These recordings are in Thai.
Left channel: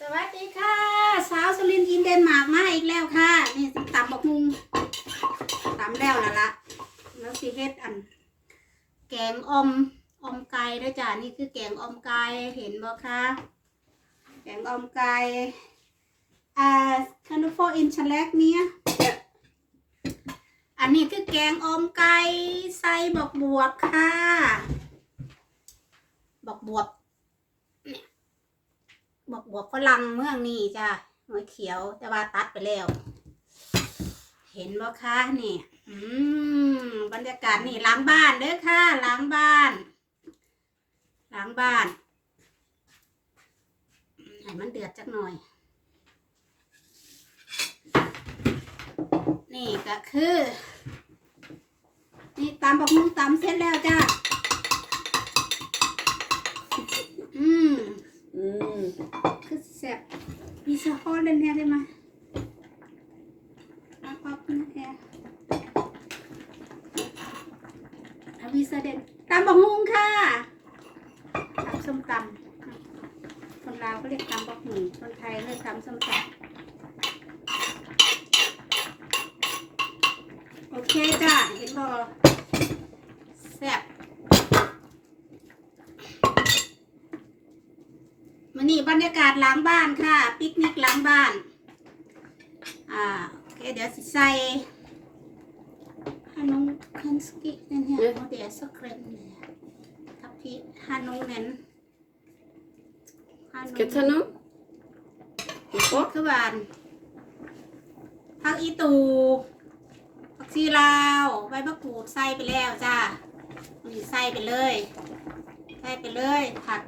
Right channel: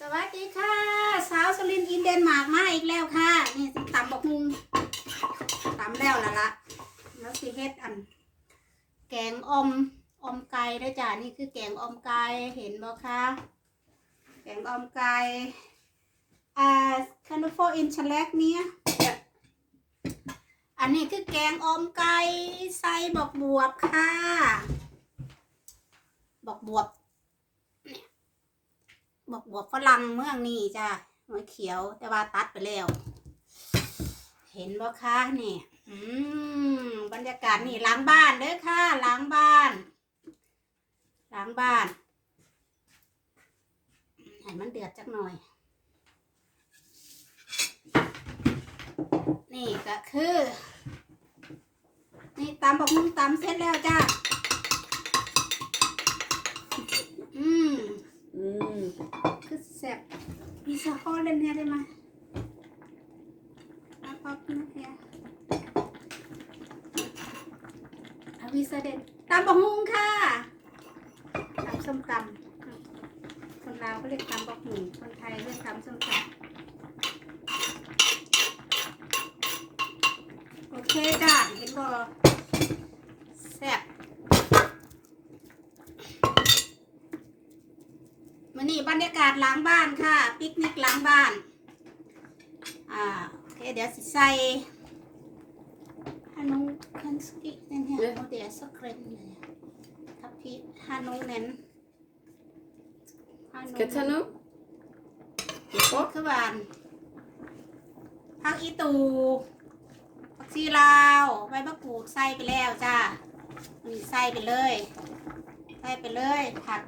สวัสดีค่ะ สาวสุรินอินเดนมาร์กมาอีกแล้วค่ะ นี่ตำบอกมุงตำแล้วละละแล้วสิเฮ็ดอัน แกงอมอมไก่ด้วยจ้ะนี่คือแกงอมไก่เห็นบ่คะแกงอมไก่อ่าคันโฟอินชแลกเนี่ยอันนี้คือแกงออมไก่ใส่บอกบวบค่ะ บอกบวบ บอกบวบฝรั่งเมืองนี่จ้ะหัวเขียวแต่ว่าตัดไปแล้ว เห็นบ่คะนี่อืมบรรยากาศนี่ล้างบ้านเด้อค่ะล้างบ้านล้างบ้านให้มันเดือดจักหน่อย นี่ก็คือ นี่ตำบักหุ่งตำเสร็จแล้วจ้า เล่นเนี่ยได้ไหมเอาป๊อปนะแกอาวีเสเด็จตำบักฮุงค่ะตำส้มตำคนลาวก็เรียกตำบักหุ่งคนไทยเรียกตำส้มตำโอเคจ้าเห็นบอแซ่บ มันนี่บรรยากาศหล้างบ้านค่ะปิกนิกหล้างบ้าน อ่าโอเคเดี๋ยวสิใส่ฮานุงคันสกินั่นเนี่ยโมเดลสเครนเนี่ยทับพีฮานุงเน้นฮานุง Ska jag ta någon? พวกคือบ้านผักอีตูผักชีลาวใบมะกรูดใส่ไปแล้วจ้านี่ใส่ไปเลย ใส่ไปเลยผัก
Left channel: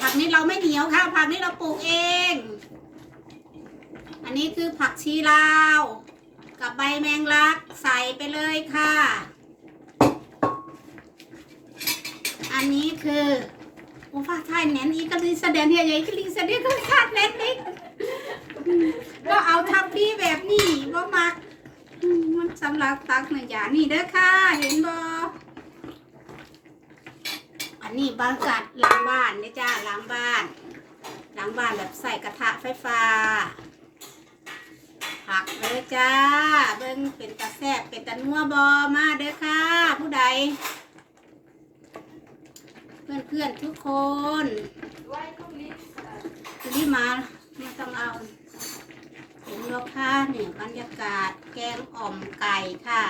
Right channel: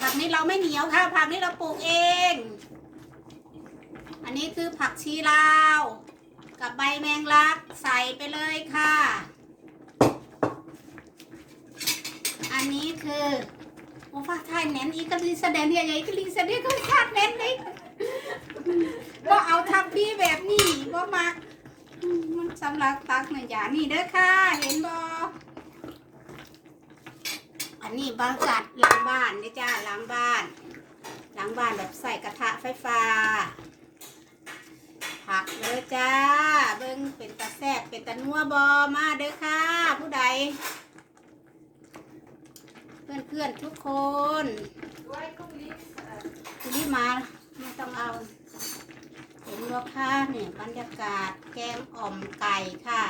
ผักนี้เราไม่เหนียวค่ะ ผักนี้เราปลูกเอง อันนี้คือผักชีลาว กับใบแมงลักใส่ไปเลยค่ะ อันนี้คือโอ้ฟ้าไทยเน้นอีกก็รีแสดงเฮียใหญ่ก็รีแสดงก็คาดเน้นอีกก็เอาทำพี่แบบนี้บ่มักมันสำหรับตักหนึ่งอย่างนี่เด้อค่ะ เห็นบ่ อันนี้บรรยากาศหล้างบ้านเนี่ยจ้าล้างบ้านล้างบ้านแบบใส่กระทะไฟฟ้า ผักเลยจ้า เบิ้งเป็นตะแซบเป็นตะนัวบอมาเด้อค่ะ ผู้ใด เพื่อนเพื่อนๆทุกคนคุณที่มาไม่ต้องเอาเห็นยกค่ะเนี่ยบรรยากาศแกงอ่อมไก่ค่ะ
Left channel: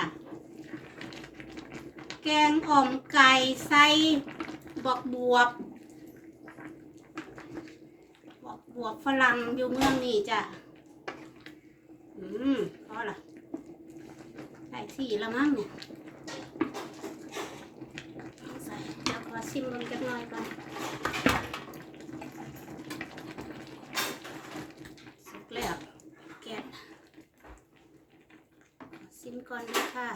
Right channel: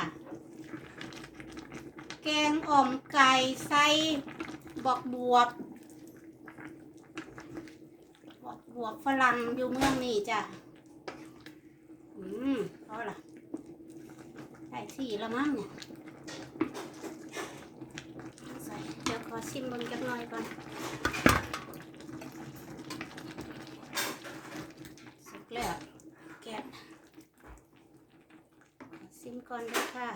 แกงอ่อมไก่ใส่ บอกบวบ บอกบวบฝรั่งอยู่เมืองนี่จ้ะ อืมพอละใส่สี่ละมั้งเนี่ยใส่เดี๋ยวขอชิมมันกันหน่อยก่อนสุกแล้วแกะชิมก่อนด้วยค่ะ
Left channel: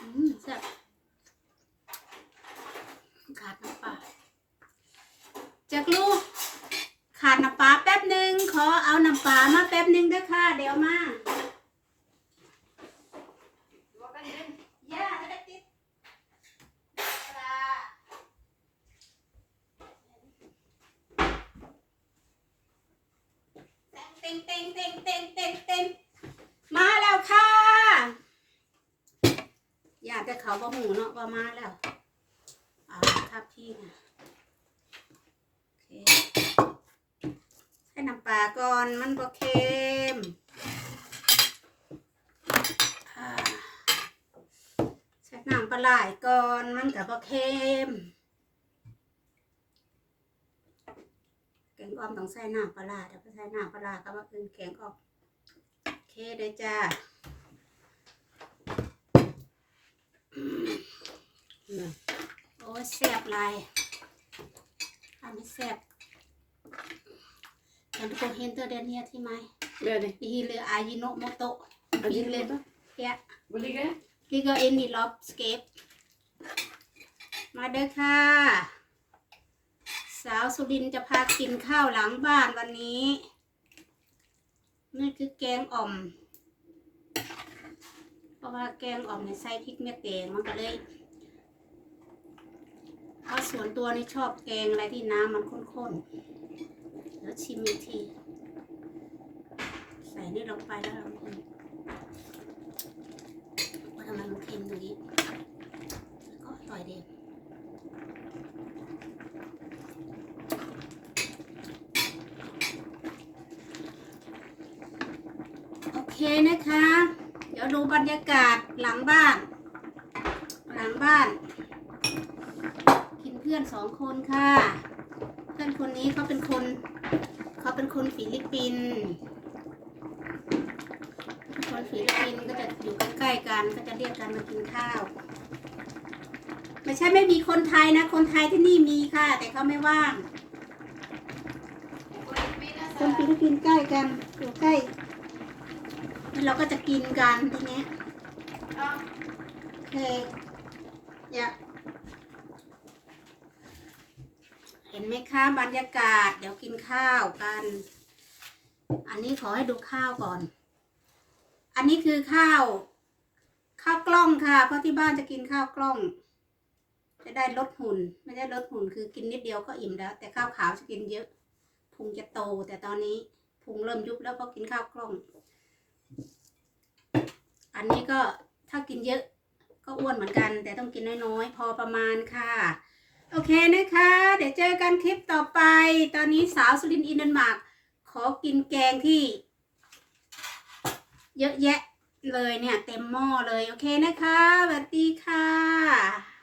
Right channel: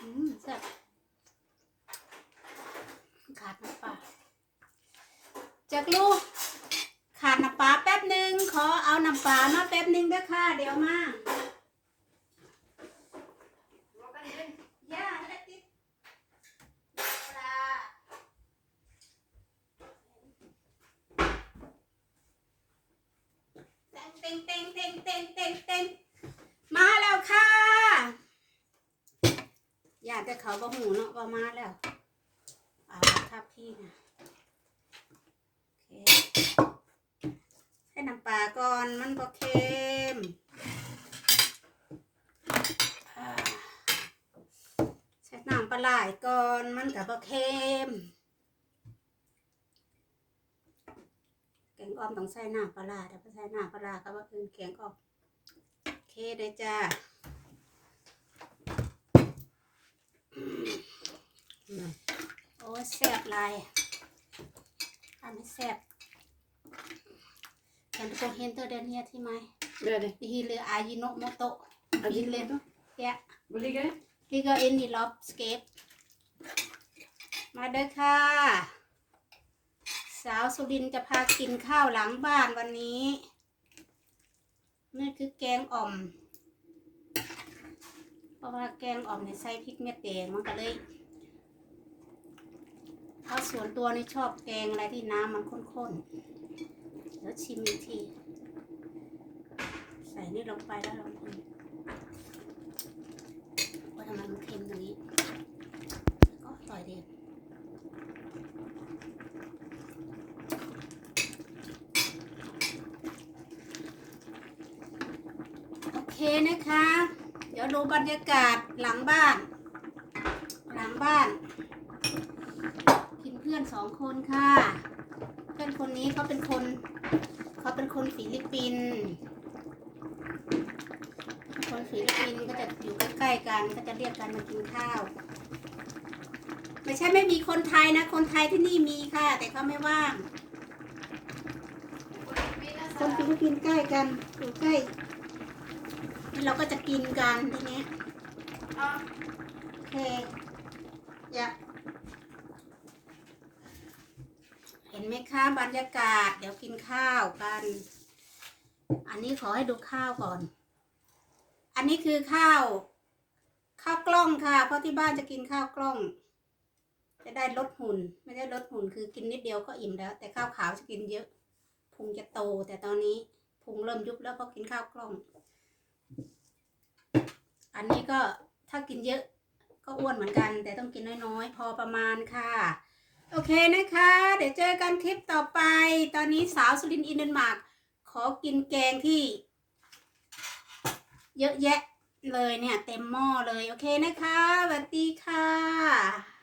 อืมแซ่บขาดน้ำปลา จากลูกขาดน้ำปลาแป๊บหนึ่งขอเอาน้ำปลามาแป๊บหนึ่งด้วยค่ะ เดี๋ยวมาย่าให้ติดปลาเต็งเต็งเต็งเต็งเต็งเต็งมาแล้วค่ะอยากจะเขาบ่หูเนาะว่ามาแล้วเอาทับที่นะโอเคให้น้ำปลา ก่อนมันบ่เค็มใส่น้ำปลาไหลก่อนมันกับบ่เค็มแกงอ่อมต้องใส่น้ำปลาแต่พอใส่น้ำปลาร้าก็ว่เป็นแกงอ่อมเคเลยจ้าโอ้แซ่บหลายอันนี้แซ่บ ท่านทุกคนเห็นตัวเดนเนียที่ไหม Gör det. ดีหรืออายิโนโมโตะ Ja, det är Gillar det. แกะ Var ligger det? ที่ก็เอ็นนี่ล็อบสเกปมาเด้อค่ะ สาวสุรินทร์จะพากินข้าวหลังบ้านวันนี้นี่คือแกงอ่อม เพราะว่าแกงอ่อมเนี่ยใส่พริกเม็ดแดงมันก็เลยเพราะส่วนตัวนี่ชอบแกงอะไรที่น้ำมันข้นๆ แล้วชิมอีกที ใส่นี่ลงไปแล้วเรากินว่าทำไมมันเค็มอย่างนี้ ก็อร่อยดีโอเคนะคะ เดี๋ยวดูบรรยากาศหลังบ้าน หลังบ้าน กินเพื่อนสองคนค่ะ เพื่อนคนนี้เขาเป็นคน เขาเป็นคนฟิลิปปินส์คนฟิลิปปินส์ก็จะอยู่ใกล้ๆกันก็จะเรียกกันมากินข้าว ไม่ใช่ไม่มีคนไทยนะ คนไทยที่นี่มีค่ะ แต่เขาไม่ว่าง คนฟิลิปปินส์ใกล้กันอยู่ใกล้เราก็จะกินกันทีนี้โอเคอย่าเห็น ไหมคะบรรยากาศ เดี๋ยวกินข้าวกัน อันนี้ขอให้ดูข้าวก่อน อันนี้คือข้าว ข้าวกล้องค่ะ เพราะที่บ้านจะกินข้าวกล้อง จะได้ลดหุ่น ไม่ได้ลดหุ่นคือกินนิดเดียวก็อิ่มแล้ว แต่ข้าวขาวจะกินเยอะพุงจะโต แต่ตอนนี้พุงเริ่มยุบแล้วก็กินข้าวกล้อง อันนี้ก็ถ้ากินเยอะก็อ้วนเหมือนกัน แต่ต้องกินน้อยๆ พอประมาณค่ะ โอเคนะคะ เดี๋ยวเจอกันคลิปต่อไป ตอนนี้สาวสุรินทร์อินเดนมาร์กขอกินแกงที่ เยอะแยะเลยเนี่ย เต็มหม้อเลย โอเคนะคะสวัสดีค่ะ